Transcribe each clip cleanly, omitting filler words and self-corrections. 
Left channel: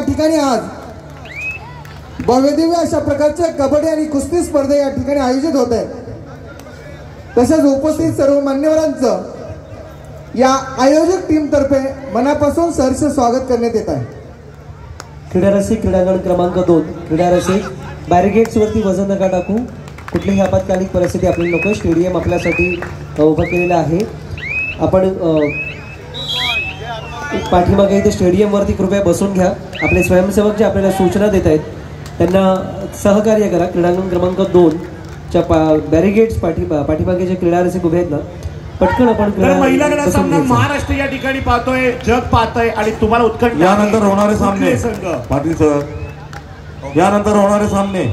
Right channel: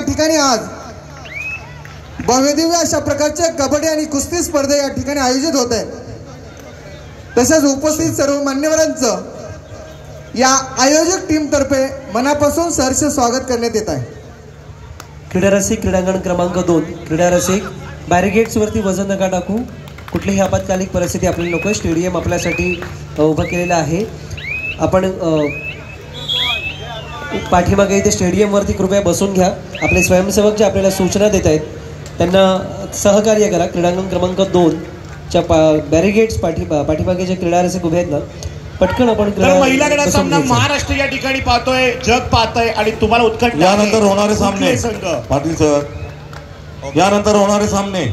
ठिकाणी आज भव्यदिव्य अशा प्रकारचे कबड्डी आणि कुस्ती स्पर्धा या ठिकाणी आयोजित होत आहे। तसेच उपस्थित सर्व मान्यवरांचं या आयोजक टीम तर्फे मनापासून सहर्ष स्वागत करण्यात येत आहे। क्रीडा रसिक क्रीडांगण क्रमांक 2 क्रीडा रसिक बॅरिगेट्स वरती वजन नका टाकू। कुठलीही आपत्कालीन परिस्थिती आपल्याला नको। स्टेडियम आपल्यासाठी उभं केलेलं आहे। आपण पाठीमागे इथे स्टेडियम वरती कृपया बसून घ्या। आपले स्वयंसेवक जे आपल्याला सूचना देत आहेत त्यांना सहकार्य करा। क्रीडांगण क्रमांक 2 च्या बॅरिगेट्स पाठीमागे जे क्रीडा रसिक उभे आहेत ना पटकन आपण महिला गटाचा सामना महाराष्ट्र या ठिकाणी पाहतोय, जग पाहतोय आणि तुम्हाला उत्कंठ यानंतर होणारे सामने पाटील सर यानंतर होणारे सामने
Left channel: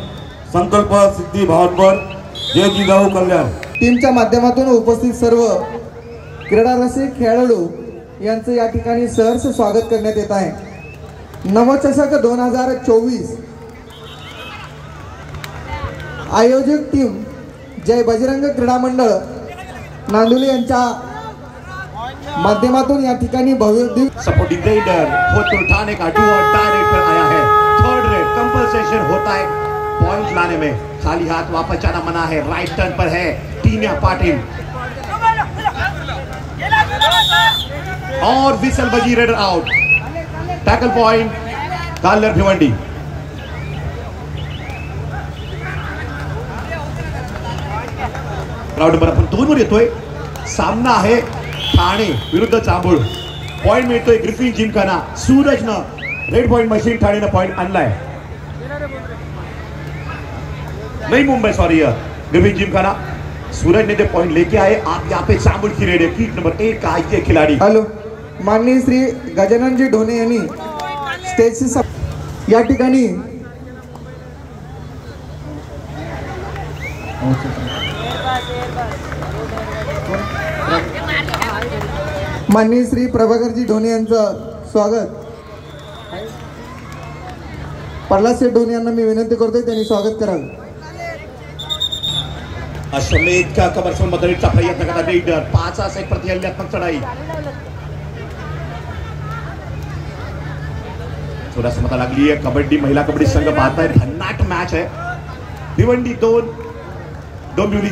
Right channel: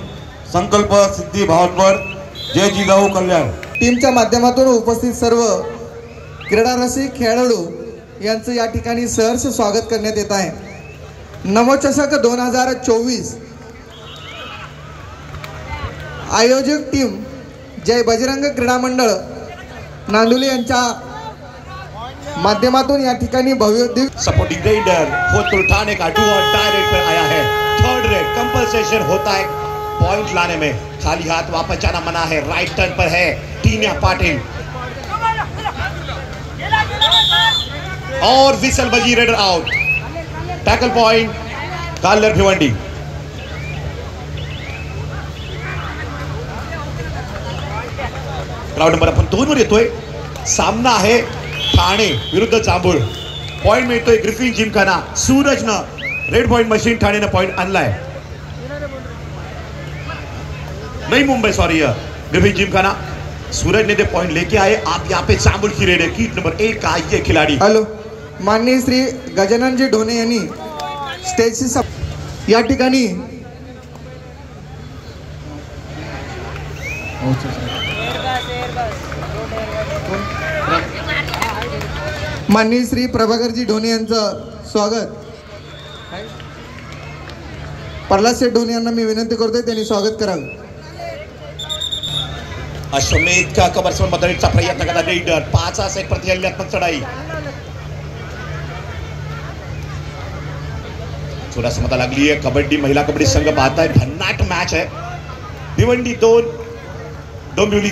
संकल्प सिद्धी भावनगर जय जिजाऊ कल्याण टीमच्या माध्यमातून उपस्थित सर्व क्रीडा रसिक खेळाडू यांचं या ठिकाणी सहर्ष स्वागत करण्यात येत आहे। नवचषक 2024 आयोजक टीम जय बजरंग क्रीडा मंडळ नांदुली यांच्या माध्यमातून या ठिकाणी भव्य सपोर्टिंग रेडर खुद उठाने का डू और डाई रेट पर आया है। थर्ड रेट कंपनसेशन होता है पॉइंट लाने में। खाली हाथ वापस जाना मना है। राइट टर्न पर है टीनिया पाटिल और विसल बजी raider out. Tackle point Kalher Bhiwandi. Round number आपण 2 वर येतोय। सामना आहे ठाणे विरुद्ध चांबोड। पॉइंट मिळतोय ग्रिफिन जिमखाना। सूरजनं रेड पॉइंट मशीन ठाणेनं पॉइंट आणलाय। नहीं मुंबई सॉरी ग्रिफिन जिमखाना सूरज ने दे पॉइंट लेके आए। आप यहाँ पे चांबोड की रेड है। कीट नंबर 1 का ये खिलाड़ी हेलो माननीय श्री गजाननजी ढोणे यांनी स्टेजची या ठिकाणी माननीय श्री प्रभाकरजी ढोणे यांचं स्वागत। प्रल्हाद शेठ ढोणे यांना मी विनंती करतोय त्यांनी स्वागत करावं। अश्वमेध का कमरसम बदलण्याचा प्रयत्न करता रेडर 5 सेट प्रति हल्ल्यात्मक चढाई। थोडासा मता लागली आहे। कबड्डी महिला कबड्डी संघ पाहताय भन्नाट मॅच आहे। भिवंडी 2 डोंबिवली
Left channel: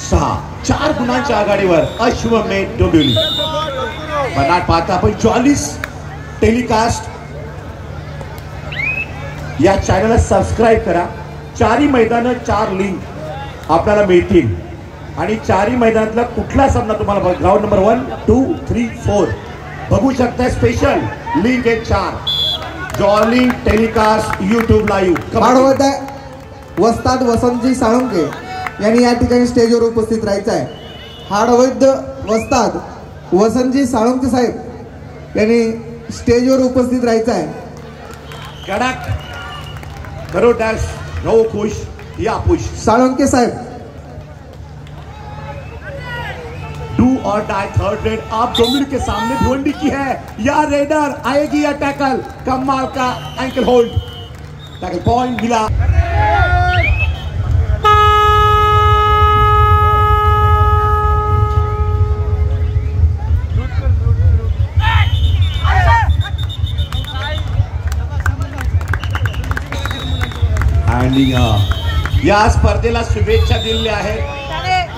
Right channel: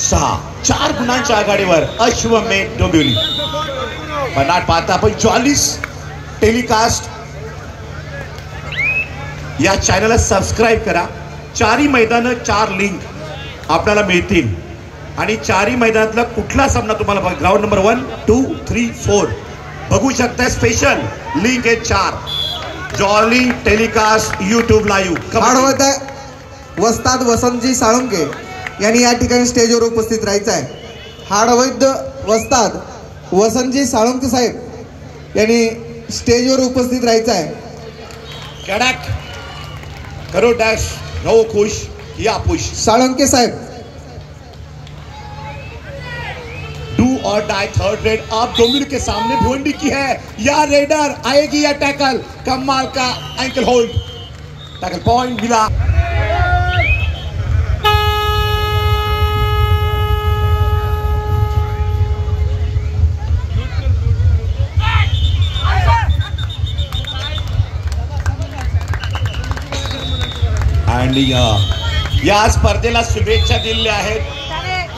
6 4 गुणांच्या आघाडीवर अश्वमेध डोंबिवली। भन्नाट पाहता आपण 44 टेलिकास्ट या चॅनलला सबस्क्राइब करा। 4 मैदान 4 लिंक आपल्याला मिळतील आणि 4 मैदानातला कुठला सामना तुम्हाला ग्राउंड नंबर 1 2 3 4 बघू शकता। स्पेशल लिंक आहे 4 जॉली टेलिकास्ट YouTube लाईव्ह। वस्ताद वसंतजी साळुंके यांनी या ठिकाणी स्टेजवर उपस्थित राहायचं आहे। हाडवैद्य वस्ताद वसंतजी साळुंके साहेब यांनी स्टेजवर उपस्थित राहायचं आहे। कडक करो डॅश रहो खुश या पुश साळुंके साहेब। डू और डाई थर्ड रेड आप डोंबिवली के सामने भिवंडी की है। या रेडर आएगी या टैकल कमाल का एंकल होल्ड। टैकल पॉइंट मिला। या स्पर्धेला शुभेच्छा दिलेल्या आहेत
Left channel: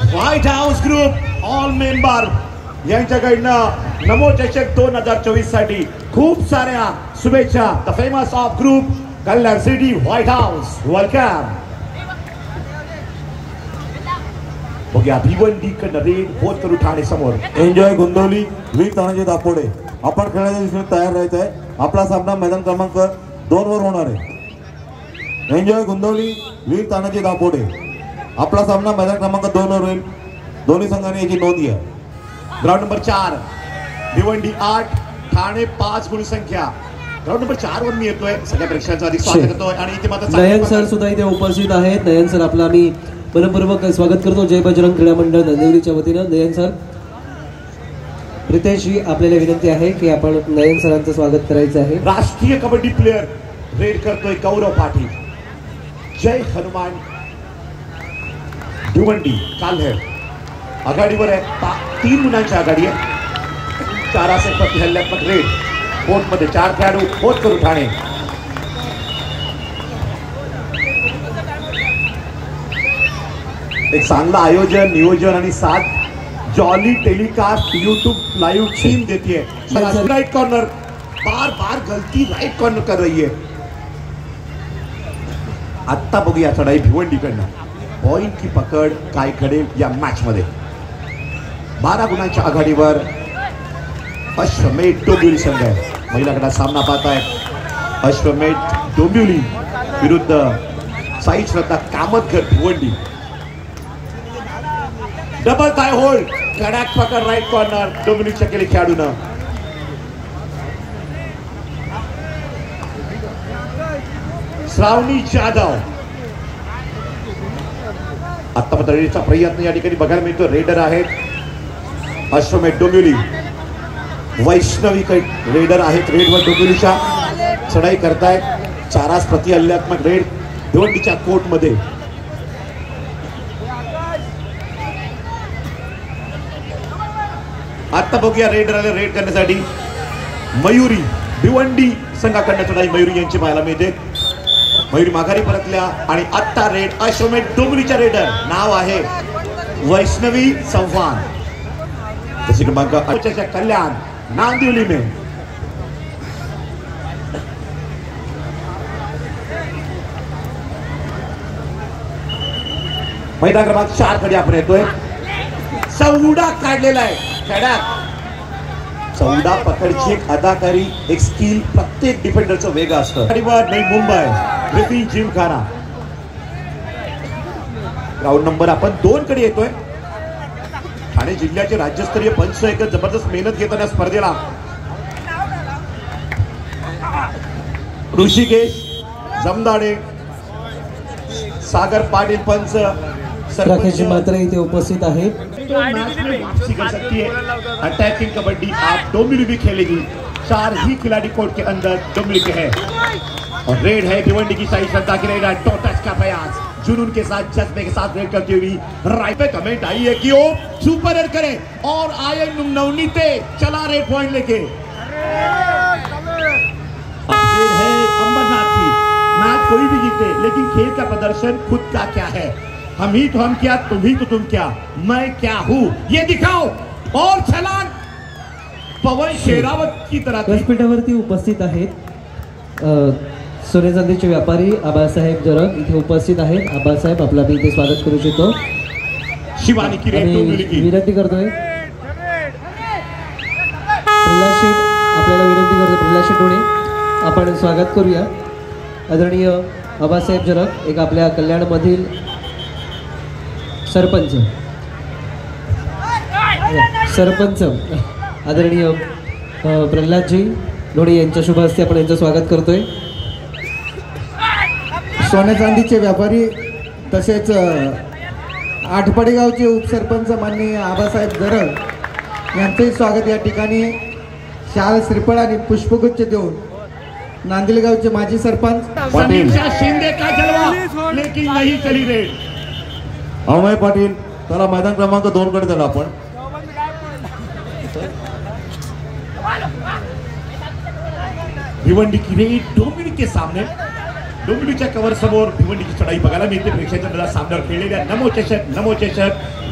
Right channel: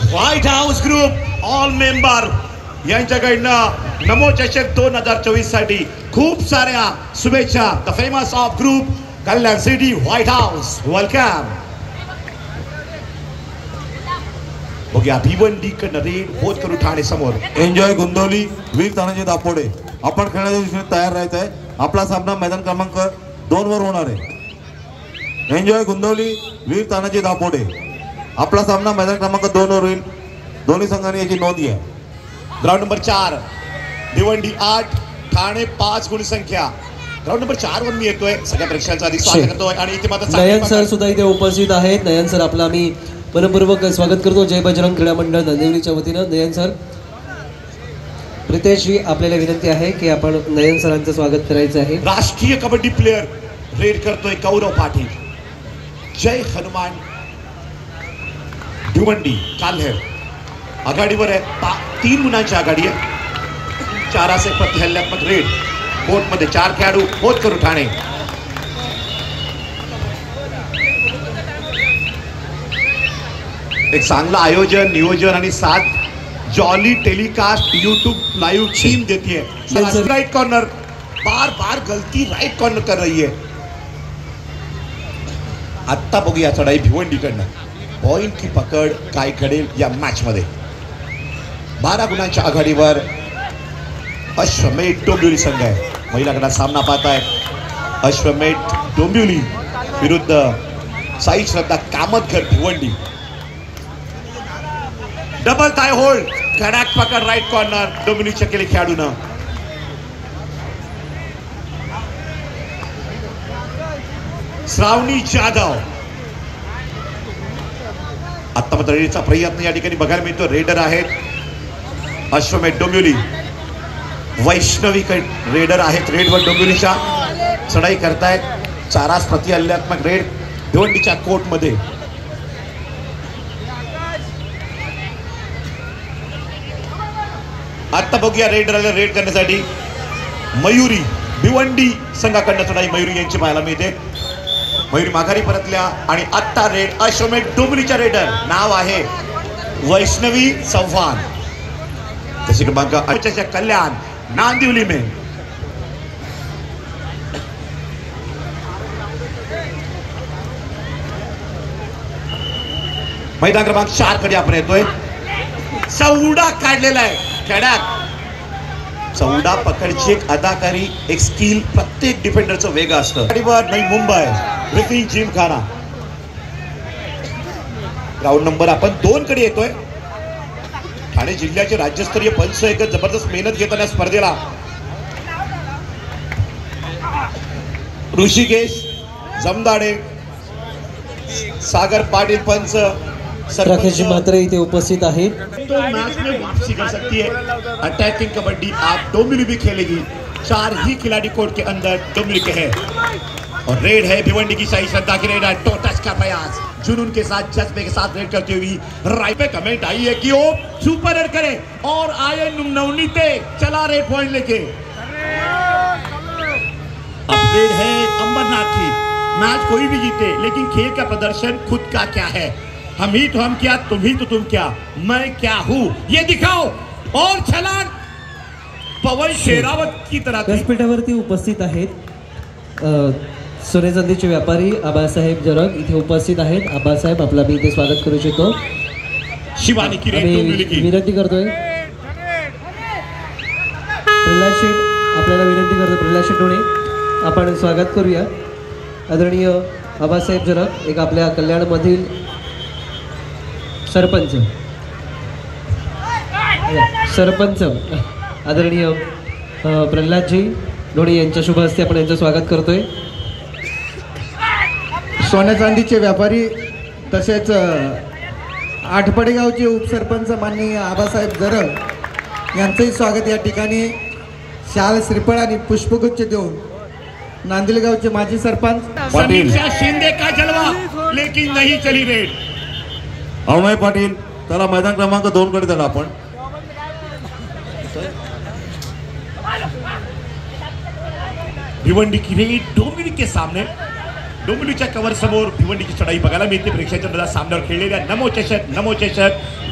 white house group all member यांच्याकडनं नमोचषक 2024 साठी खूप साऱ्या शुभेच्छा। The famous of group Kalyan city white house welcome. बघूया भिवंडी कडनं रेड होत करू ठाणे समोर। एन्जॉय गोंदवली वीर तानाजी दापोडे आपण खेळण्याच्या दृष्टीने तयार राहायचं आहे। आपला सामना मैदान क्रमांक 2 वर होणार आहे। एन्जॉय गोंदवली वीर तानाजी दापोडे आपला सामना मैदान क्रमांक 2 वर होईल। दोन्ही संघांनी याची नोंद घ्या। ग्राउंड नंबर 4 भिवंडी 8 ठाणे 5 गुण संख्या। ग्राउंड नंबर 4 वर मी येतोय। सगळ्या प्रेक्षकांचा अधिक स्वागत करतोय आणि इथे मात्र नयन सर सुद्धा इथे उपस्थित आहेत। नयन सर आपला मी मनपूर्वक स्वागत करतो जय बजरंग क्रीडा मंडळ नांदेडच्या वतीनं। नयन सर प्रितेश जी आपल्याला विनंती आहे की आपण नयन सरांचं स्वागत करायचं आहे। राष्ट्रीय कबड्डी प्लेयर रेड करतोय गौरव पाटील। जय हनुमान भिवंडी काल्हेर आघाडीवर आहे। 3 गुणांची आघाडी आहे। 4 प्रति हल्ल्यात्मक रेड कोर्टमध्ये 4 खेळाडू होत करू ठाणे एक चांगलं आयोजन नियोजन आणि साथ jolly telecast YouTube live team देती है। राइट कॉर्नर बार बार गलती राइट कॉर्नर कर रही है। आत्ता बघूया चढाई भिवंडीकडनं पॉइंट की पकड काय करेल या मॅच मध्ये। 12 गुणांच्या आघाडीवर अश्वमेध डोंबिवली संघ आहे। महिला गटात सामना पाहताय अश्वमेध डोंबिवली विरुद्ध साई श्रद्धा Kamatkar Bhiwandi. Double tie hold कडक पकड राइट कॉर्नर डोंबिवलीच्या केली खेळाडूनं। श्रावणी जाधव आता मतदारीचा प्रयत्न या ठिकाणी बघायला मिळतो। रेडर आहेत अश्वमेध डोंबिवली, वैष्णवी रेडर आहेत रेडवर डोंबिवलीच्या चढाई करतायत। चारास प्रति हल्ल्यात्मक रेड भिवंडीच्या कोर्ट मध्ये। आता बघूया रेडरला रेड करण्यासाठी मयुरी भिवंडी संघाकडनं चढाई मयुरी यांची पाहायला मिळते। मयुरी माघारी परतल्या आणि आत्ता रेड अश्वमेध डोंबिवलीच्या रेडर नाव आहे वैष्णवी चव्हाण। जशी क्रमांक 8 कल्याण नांदिवली में। मैदान क्रमांक 4 कडे आपण येतोय। चौडा काढलेला आहे खेळात। चौडा पकडची एक अदाकारी एक स्किल प्रत्येक डिफेंडरचं वेगळं असतं। Navi Mumbai briefing Gymkhana round number आपण 2 कडे येतोय। ठाणे जिल्ह्याचे राज्यस्तरीय पंच एक जबरदस्त मेहनत घेताना स्पर्धेला ऋषिकेश जमदाडे सागर पाटील पंच राकेश मात्र इथे उपस्थित आहे। तो मैच में वापसी कर सकती है। अटैकिंग कबड्डी आप डोंबिवली भी खेलेगी। 4 ही खिलाड़ी कोर्ट के अंदर डोंबिवली के है और रेड है भिवंडी की साई श्रद्धा की रेड है। टोटस का प्रयास जुनून के साथ जज्बे के साथ रेड करती हुई राइट पे कमेंट आई है कि वो सुपर रेड करे और आए नवनीते चला रेड पॉइंट लेके। अपडेट है अंबरनाथ की। मैच कोई भी जीते लेकिन खेल का प्रदर्शन खुद का क्या है। हम ही तो हम क्या, तुम ही तो तुम क्या, मैं क्या हूँ ये दिखाओ। और छलांग पवन शेरावत की तरह। व्यासपीठावरती उपस्थित आहेत सोने चांदीचे व्यापारी आबासाहेब जरग इथे उपस्थित आहेत। आबासाहेब आपला मी इथे स्वागत करू इच्छितो। शिवानी की विनंती करतोय प्रल्हाद शेठ आपल्याला विनंती करतोय प्रल्हाद शेठ डोणे आपण स्वागत करूया। आदरणीय आबासाहेब जरग एक आपल्या कल्याणमधील सरपंच आदरणीय प्रल्हादजी डोणे यांच्या शुभ हस्ते आपण यांचं स्वागत करतोय। सोने चांदीचे व्यापारी तसेच आठपडे गावचे उपसरपंच माननीय आबासाहेब जरग यांचंही स्वागत या ठिकाणी शाल श्रीफळ आणि पुष्पगुच्छ देऊन नांदिल गावचे माजी सरपंच पाटील शिंदे का जलवा लेकिन नहीं चली रेड। अमय पाटील त्याला मैदान क्रमांक 2 कडे चला आपण। भिवंडी की रेड डोंबिवली के सामने डोंबिवलीच्या कव्हर समोर भिवंडी की चढाई बघायला मिळते। प्रेक्षकांच्या मनात सामन्यावर खेळलेल्या नमो चषक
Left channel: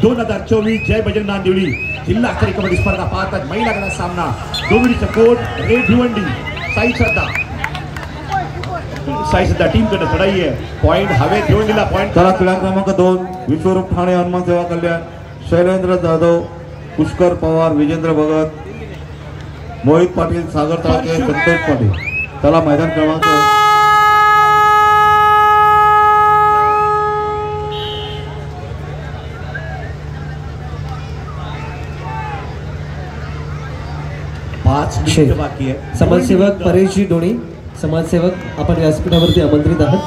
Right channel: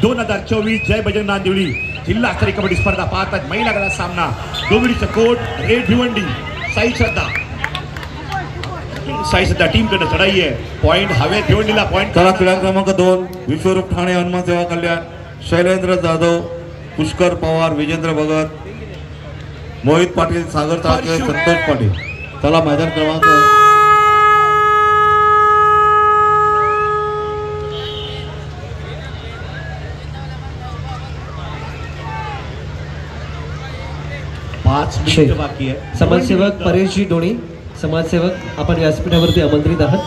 2024 जय बजरंग नांदिवली जिल्हास्तरीय कबड्डी स्पर्धा पाहतात। महिला गटात सामना डोंबिवलीचा कोट रेड भिवंडी साई श्रद्धा टीम कडे चढाई आहे। पॉइंट हवे भिवंडीला पॉइंट। चला क्रीडा क्रमांक 2 विश्वरूप ठाणे हनुमान सेवा कल्याण शैलेंद्र जाधव पुष्कर पवार विजेंद्र भगत मोहित पाटील सागर ताळके संतोष पाटील। चला मैदान क्रमांक 5 मिनिट बाकी आहे। समाजसेवक परेशजी डोणे समाजसेवक आपण व्यासपीठावरती आमंत्रित आहात।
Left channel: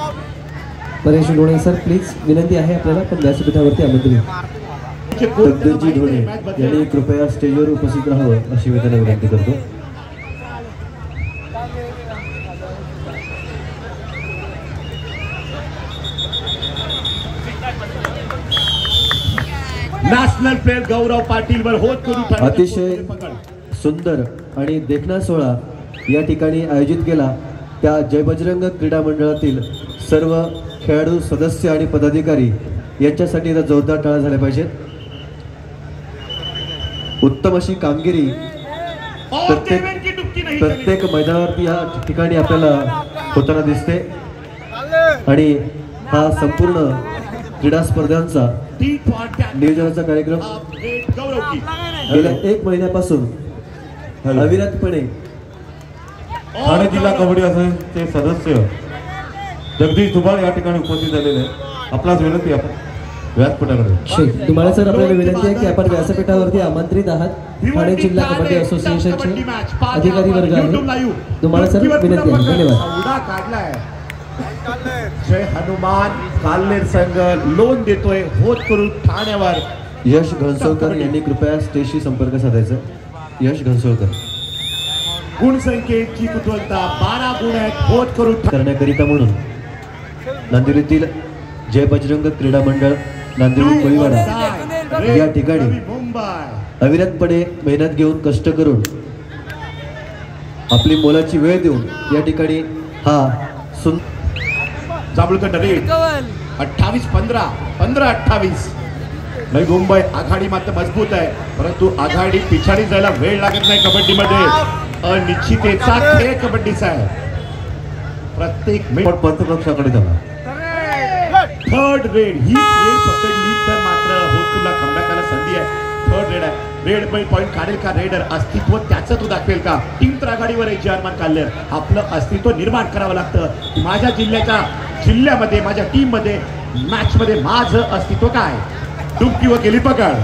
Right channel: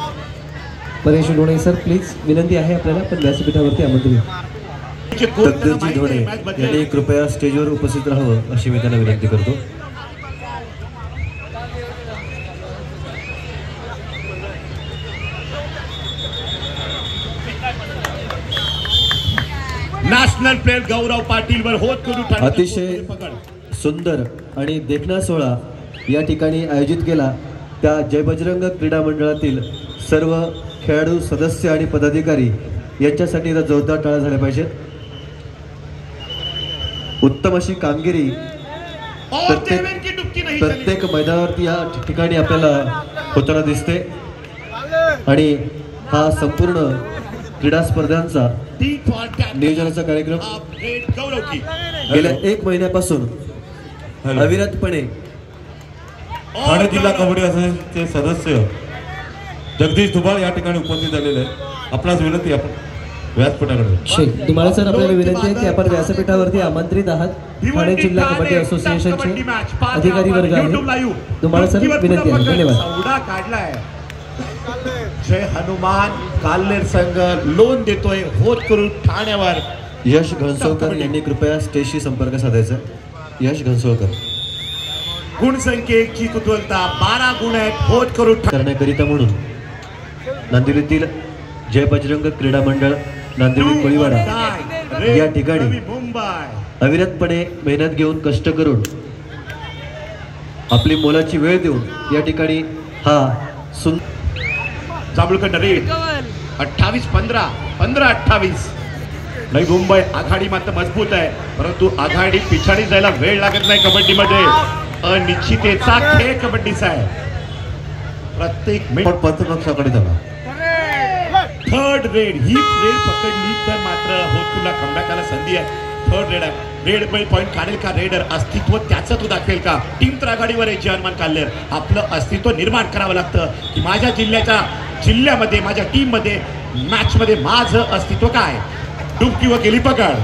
परेश डोणे सर प्लीज विनंती आहे आपल्याला पण व्यासपीठावरती आमंत्रित। तद्देजी डोणे यांनी कृपया स्टेजवर उपस्थित राहावं अशी मी त्यांना विनंती करतो। नॅशनल प्लेयर गौरव पाटील वर होत करू अतिशय सुंदर आणि देखणा सोहळा या ठिकाणी आयोजित केला। त्या जय बजरंग क्रीडा मंडळातील सर्व खेळाडू सदस्य आणि पदाधिकारी यांच्यासाठी इथं जोरदार टाळ्या झाल्या पाहिजेत. उत्तम अशी कामगिरी और देवेन की डुबकी नहीं चली. प्रत्येक मैदानावरती या ठिकाणी आपल्याला होताना दिसते आणि हा संपूर्ण क्रीडा स्पर्धांचा टी फॉर टॅक. नियोजनाचा कार्यक्रम अपडेट गौरव की. गेल्या 1 महिन्यापासून अविरतपणे ठाणे जिल्हा कबड्डी असोसिएशनचे सदस्य जगदीश धुबाळ या ठिकाणी उपस्थित झालेले आहेत. आपणास विनंती आपण व्यासपीठाकडे. तुम्हाला सर आपल्याला विनंती आहे की आपण व्यासपीठावरती आमंत्रित आहात. ठाणे जिल्हा कबड्डी असोसिएशनचे अधिकारी वर्ग आहे. तुम्हाला सर विनंती आहे. धन्यवाद. सौदा काढलाय. जय हनुमान काल्हेर संघ लोन देतोय होत करून ठाण्यावर. यश घनसोळकर यांनी कृपया स्टेजशी संपर्क साधायचा. यश घनसोळकर गुणसंख्येची कुतूहलता 12 गुण आहेत होत करून करण्याकरिता म्हणून नांदेडीतील जय बजरंग क्रीडा मंडळ नांदेड कोळीवाडा या ठिकाणी मुंबई अविरतपणे मेहनत घेऊन कष्ट करून आपली मोलाची वेळ देऊन या ठिकाणी हा जांभूळकर रेड 28-15 15-28. नाही मुंबई आघाडी मात्र मजबूत आहे परंतु आघाडी पिछाडी जायला वेळ लागत नाही. कबड्डीमध्ये अनिश्चिततेचा खेळ कबड्डीचा आहे. प्रत्येक पण पंचपक्षाकडे झाला. थर्ड रेड ही रेड पकडली तर मात्र होतपुरला कमबॅकाला संधी आहे. थर्ड रेड आहे. रेड पॉईंट काढेल का रेडर अस्तित्व त्याचं तो दाखवेल का. टीम तर आघाडीवर आहे. जर्मन काल्हेर आपलं अस्तित्व निर्माण करावं लागतं की माझ्या जिल्ह्यामध्ये माझ्या टीम मध्ये मॅच मध्ये माझं अस्तित्व काय. डुबकी व गेली पकड.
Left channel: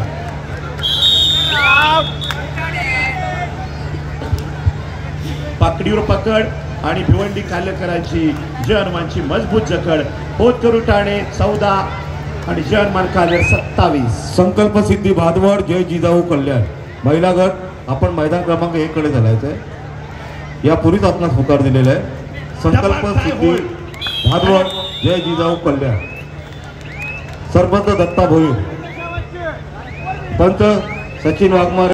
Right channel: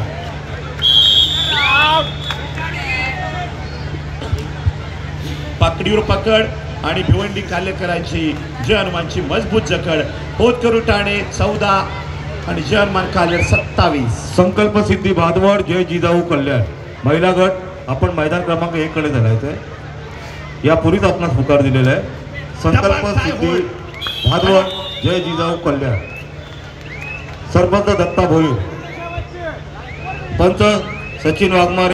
पाकडीवर पकड आणि भिवंडी काल्हेकरांची जय हनुमानची मजबूत जकड. होत करू ठाणे 14 आणि जय हनुमान काल्हेर 27. संकल्प सिद्धी भादवड जय जिजाऊ कल्याण महिला गट आपण मैदान क्रमांक 1 कडे चालायचंय. यापूर्वीच आपणास होकार दिलेला आहे. संकल्प सिद्धी भादवड जय जिजाऊ कल्याण. सरपंच दत्ता भोईर, पंच सचिन वाघमारे.